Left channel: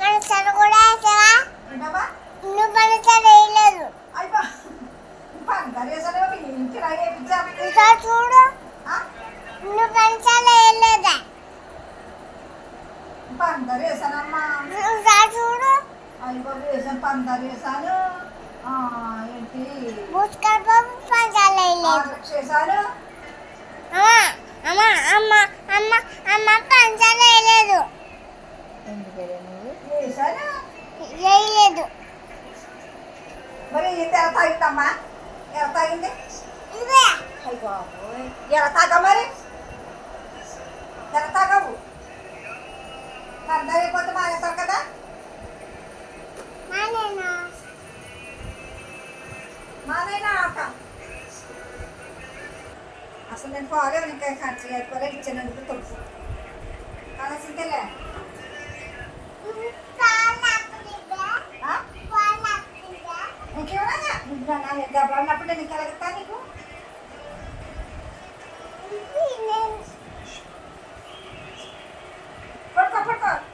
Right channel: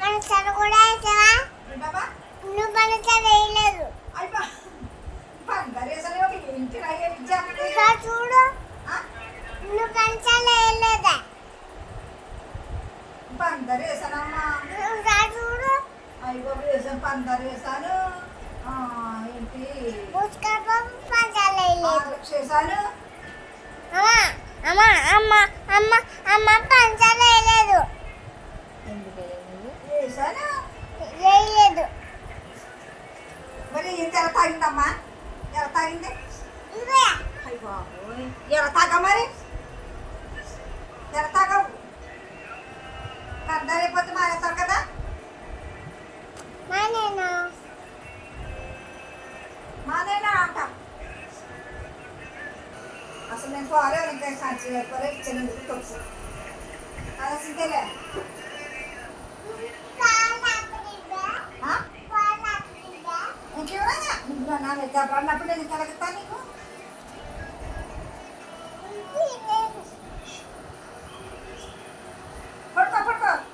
పనసలు కూడా వేసావా? ఏంటమ్మా? నువ్వు పనసలు వేయలేదు. అయిపో పందరేసలేమో ఏంటి రాయేపించాము ఇంకా చూడు, నువ్వు పనసలు వేయలేదా? పందరేసానమ్మా. ఇంకా చూడు, అయిపో వేసాను పందరేసాను. ఏంటి పుష్కర బాబు పనసలు వేయలేదు. చేశాను. అమ్మ అమ్మ అమ్మ అమ్మ పనసలు వేయలేదు. ఎందుకు నువ్వు వేసాను వేయలేదు. మరి ఇంత ఎలా తాగిందమ్మా? ఎలా తాగింది? ఇదే అయ్య బాబోయ్, ఎలా తాగా మరి? ఎలా తాగవు? కందరైపోతే మానేస్తారు కదా. నానేనా మాదైనా ఆట. అసలు నేను పోలేవు, ఇంకా ఖర్చు లేకపోతే ఇచ్చినందుకు తెలుసు కావాల్సిందేలే. ఇంకేమన్నా నీకు నా నిద్ర అన్నప్పుడు నేను కలుగుతా నీకు.